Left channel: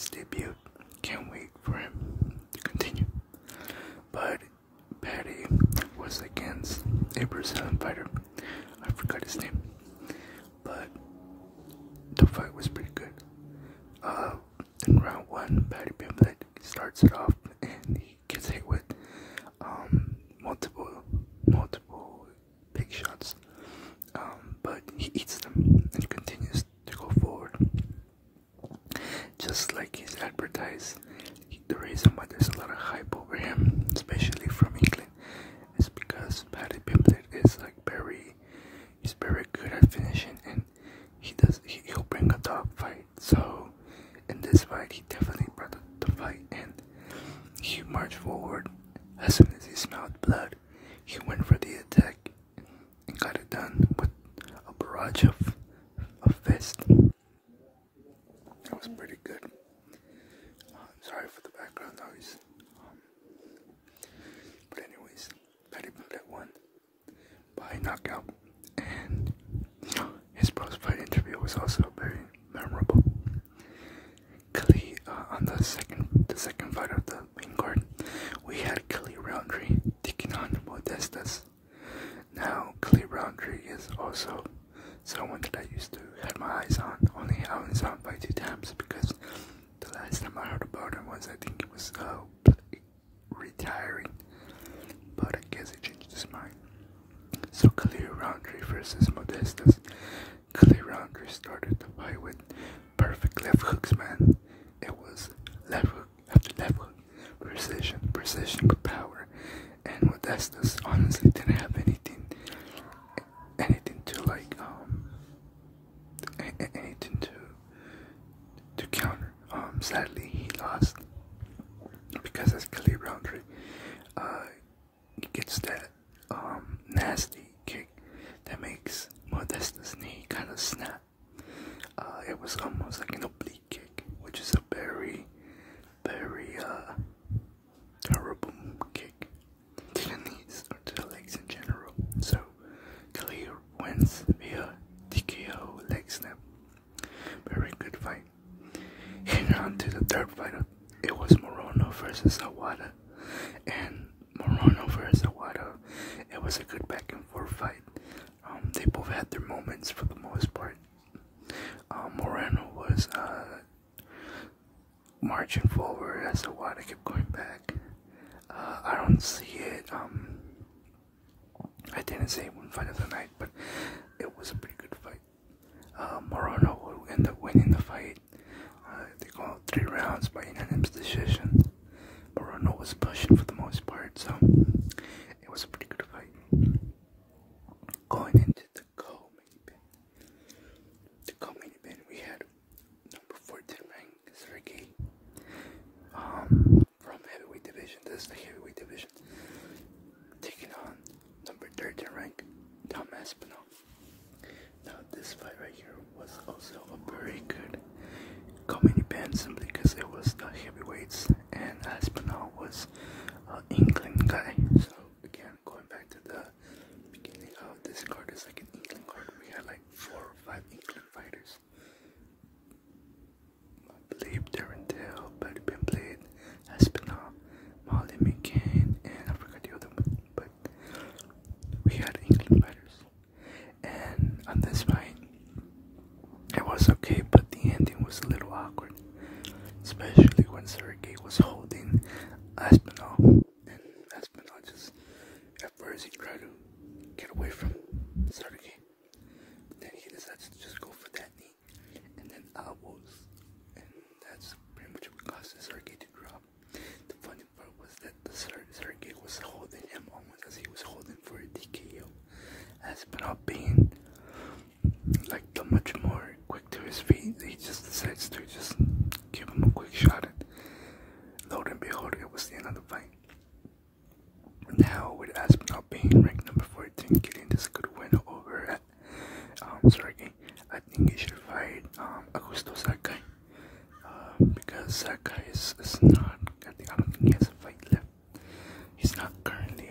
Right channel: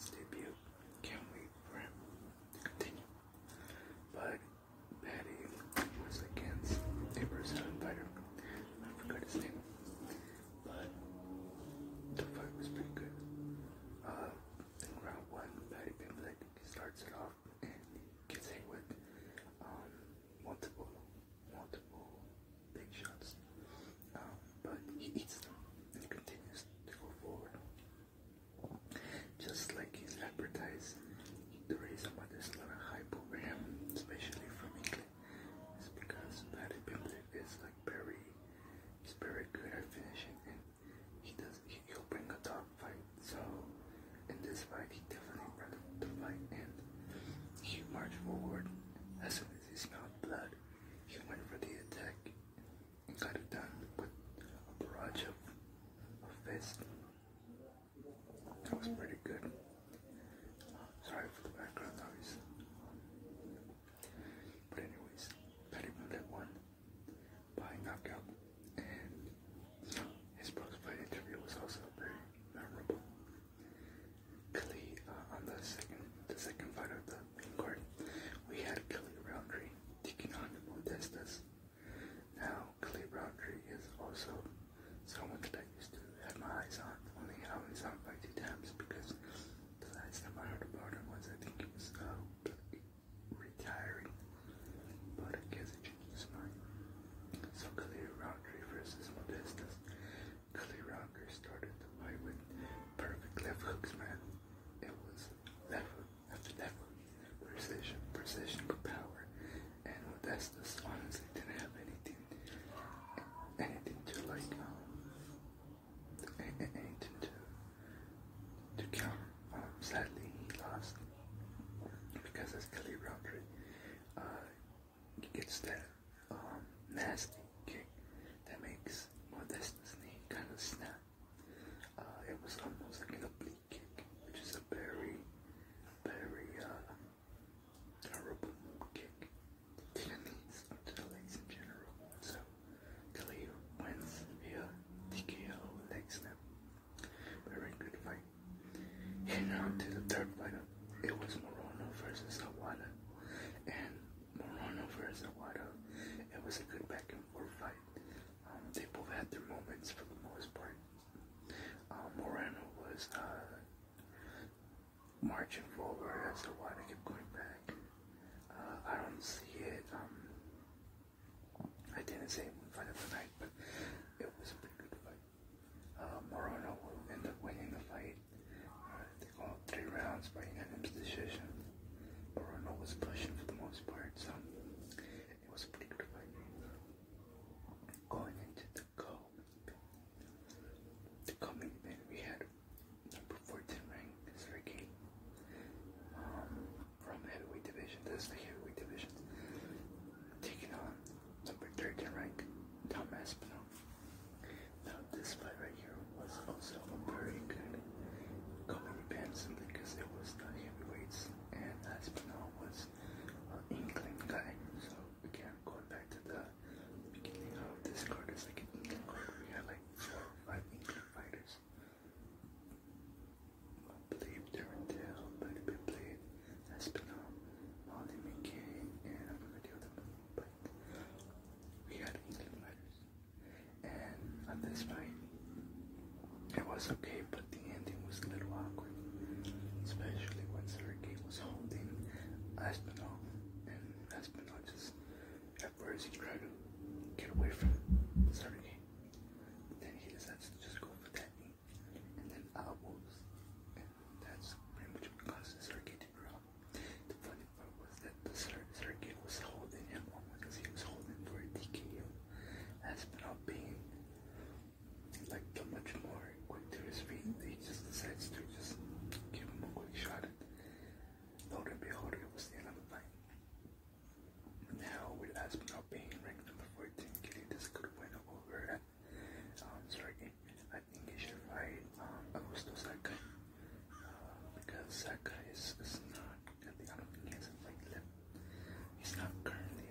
his debut. Can't wait for him to continue. But Patty was against a Brazilian fighter. I forgot his name. But the fight was pretty good. In round one, Patty Pimblett starts it off and he gets hit with multiple big shots. But he eats them and continues to go forward. Just like he's advertised, the reason why there's a lot of hype over him, especially from England, is because Paddy Pimblett is like he's very good at finishing, and he'll bring a dog fight. So in this fight, he definitely brought the fight, and he marched forward. As soon as he smelled blood, he went for the attack and got it done with a barrage of fists. It was pretty good. Sorry for the background noise. But anyways, Paddy Pimblett won by knockout, and his post-fight interview was also very memorable. Kelly, on the second fight of the main card, we had Kelly Roundtree taking on Modestas. Now, Kelly Roundtree is also someone that I used to have my eyes on. Only I was on by 2 times because the last time I heard about him was, I think it was retiring, but I guess he changed his mind. So Kelly Roundtree versus Modestas. Kelly Roundtree started the fight with perfect left hooks, man. It was left hook after left hook, precision with power, and Modestas honestly didn't have anything to like anything to counter. Sadly, he lost because as Kelly Roundtree he gets that nasty kick that makes Modesta's knee kind of snap. It was almost like an oblique kick, which is a very terrible kick to the knees or to the legs in general. So Kelly wins via TKO leg snap. Very good fight. And on to the third fight. It was Morono versus Awada. And Morono versus Awada, it was a good back and forth fight. They both had their moments for the most part. Moreno was marching forward as Awada kept going back. I don't see it. I didn't say one fight of the night, but it was a pretty good fight. Moreno will end up winning the fight. They go 3 rounds by unanimous decision. Moreno was pushing for the most part, so it was a pretty good fight. Going into the co-main event, we had number 14 ranked Sergey from heavyweight division. This is the heavyweight division, taking on number 13 ranked Tom Aspinall. Now this fight right here was also a very good co-main event, simply because it was the heavyweights and Aspinall was an England guy. So again, going back to the beginning of this card, is like an England card. We had like 4 or 5 England fighters. I believe Darren Till, Paddy Pimblett, Aspinall, Molly McCain, and I forgot the other one, but we had England fighters. And on this fight, it was okay, but the ending was a little awkward, especially when Sergey was holding Aspinall, and Aspinall just, at first he tried to get away from Sergey, but then he decides to just go for that knee, and then elbows, and that's pretty much what caused Sergey to drop. The funny part was that Sergey was holding him almost as he was holding for a TKO. Aspinall being like the much more quick to his feet, he just decides to just give him a quick shot, and lo and behold, it was the end of the fight. Now with Aspinall being ranked number 14, getting this good win over at Sergey, I think he should fight Augusto Sakai, because Sakai is not, I don't think he has a fight left. He's not currently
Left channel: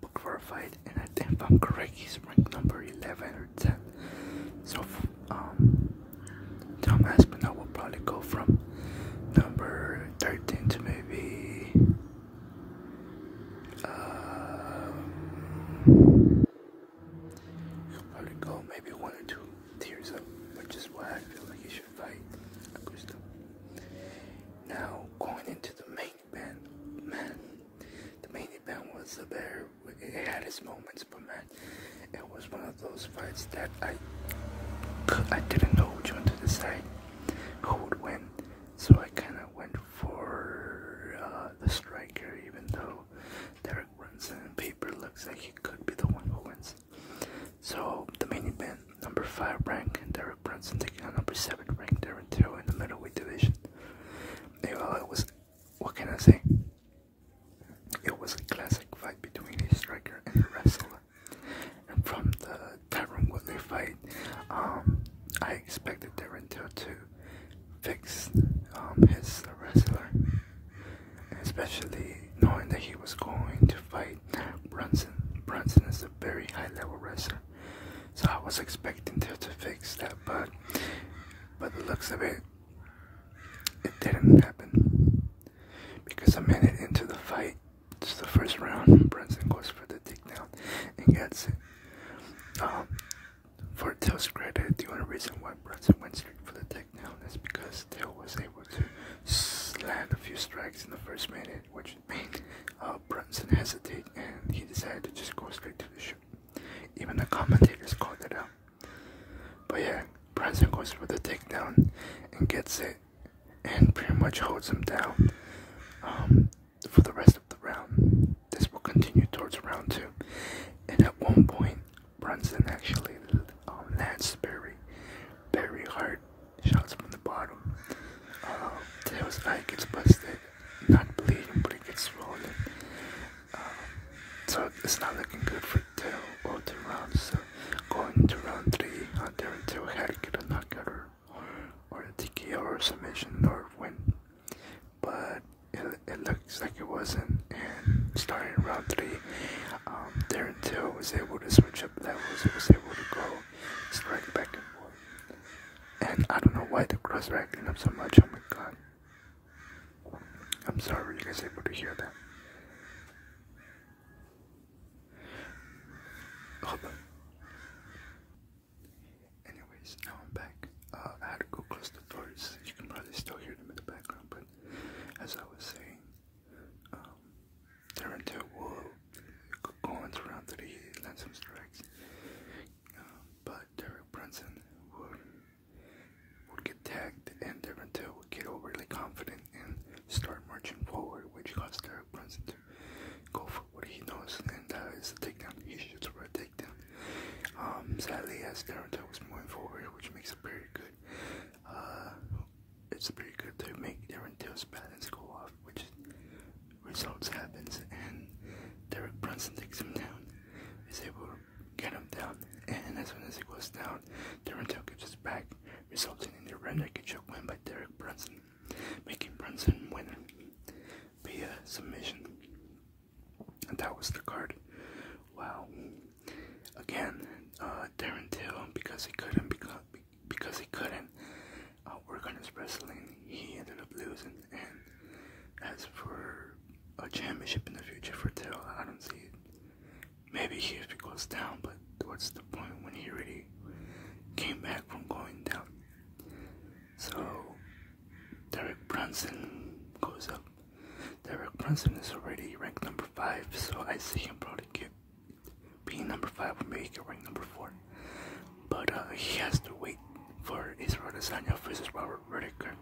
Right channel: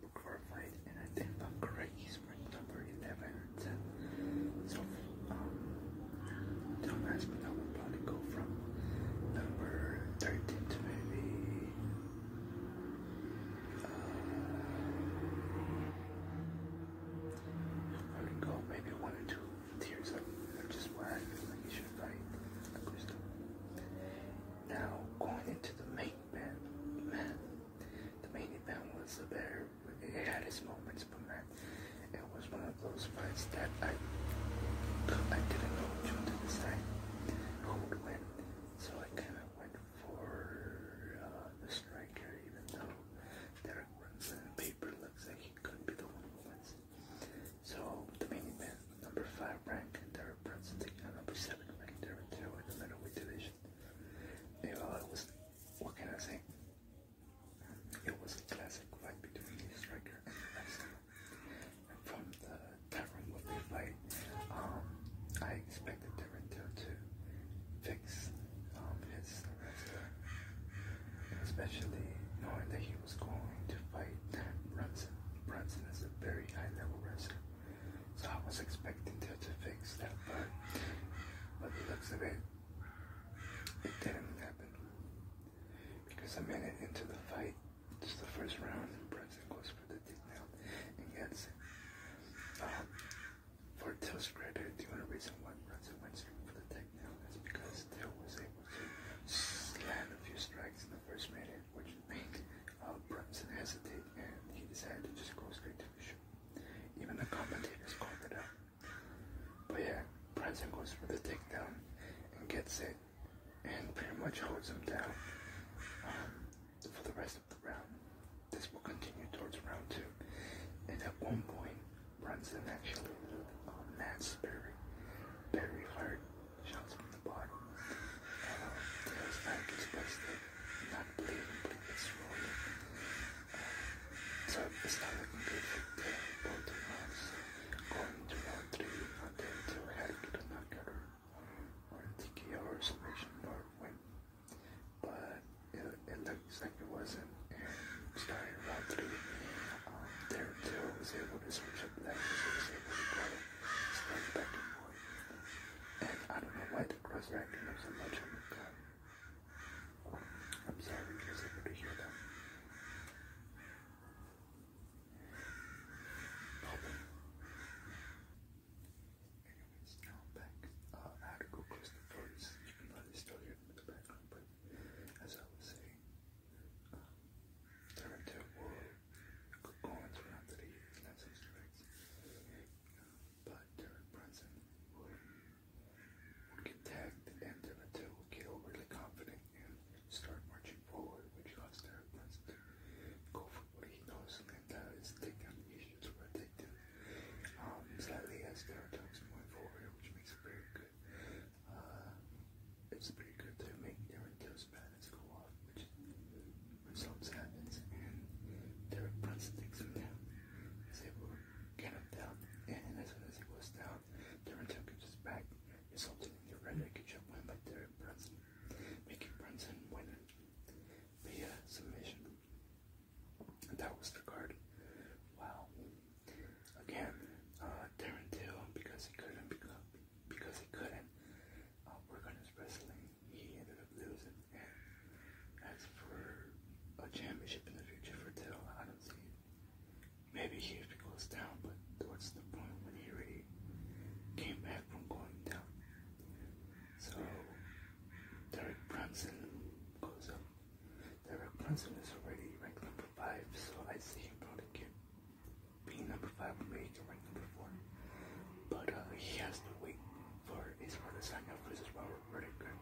booked for a fight, and I think, if I'm correct, he's ranked number 11 or 10. So Tom Aspinall will probably go from number fix his wrestler, especially knowing that he was going to fight Brunson. Brunson is a very high-level wrestler, so I was expecting Till to fix that, but the looks of it, it didn't happen. Because a minute into the fight, it's the first round, Brunson goes for the takedown and gets it. For Till's credit, the only reason why Brunson went straight for the takedown is because Till was able to land a few strikes in the first minute, which made Brunson hesitate, and he decided to just go straight to the shoot. Even the commentators called it out. But yeah, Brunson goes for the takedown and gets it, and pretty much holds him down for the rest of the round. This will continue towards round 2, and at one point, Brunson actually lands very hard shots from the bottom. Till's eye gets busted, not bleeding, but it gets swollen. So it's not looking good for Till all 2 rounds. So going to round 3, Darren Till had to get a knockout or a TKO or submission or win, but it looks like it wasn't. And starting round 3, Darren Till was able to switch up levels. He was able to go strike back and forth. And I don't know why the crowds are acting up so much. Oh my god. I'm sorry you guys are able to hear that. Hold on. Anyways, now I'm back. I had to go close the doors. You can probably still hear them in the background, but as I was saying, Darren Till will go into round 3, land some strikes, but Derek Brunson would get tagged, and Darren Till would get overly confident and start marching forward, which caused Derek Brunson to go for what he knows, and that is the takedown. He shoots for a takedown. Sadly, as Darren Till was moving forward, which makes it very good. It's very good to make Darren Till's balance go off, which results happens, and Derek Brunson takes him down, is able to get him down, and as soon as he goes down, Darren Till gives his back, resulting in the rear naked choke win by Derek Brunson, making Brunson win via submission. And that was the card. Wow. Again, Darren Till, because he couldn't work on his wrestling, he ended up losing. And as for a championship in the future for Till, I don't see it. Maybe if he goes down, but what's the point when he already came back from going down? So Derek Brunson goes up. Derek Brunson is already ranked number 5, so I see him probably being number 5 or maybe rank number 4. But he has to wait for Israel Adesanya versus Robert Whittaker.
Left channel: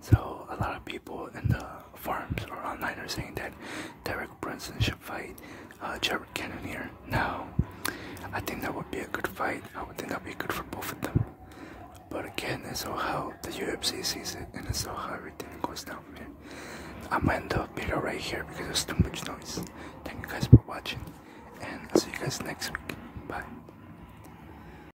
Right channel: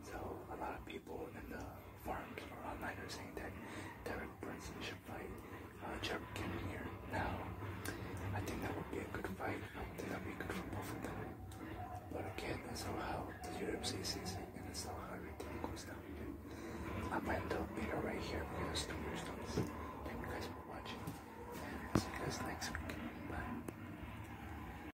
So a lot of people in the forums or online are saying that Derek Brunson should fight Jared Cannonier. Now, I think that would be a good fight. I would think that would be good for both of them. But again, it's all how the UFC sees it, and it's all how everything goes down from here. I'm gonna end the video right here because there's too much noise. Thank you guys for watching, and I'll see you guys next week. Bye.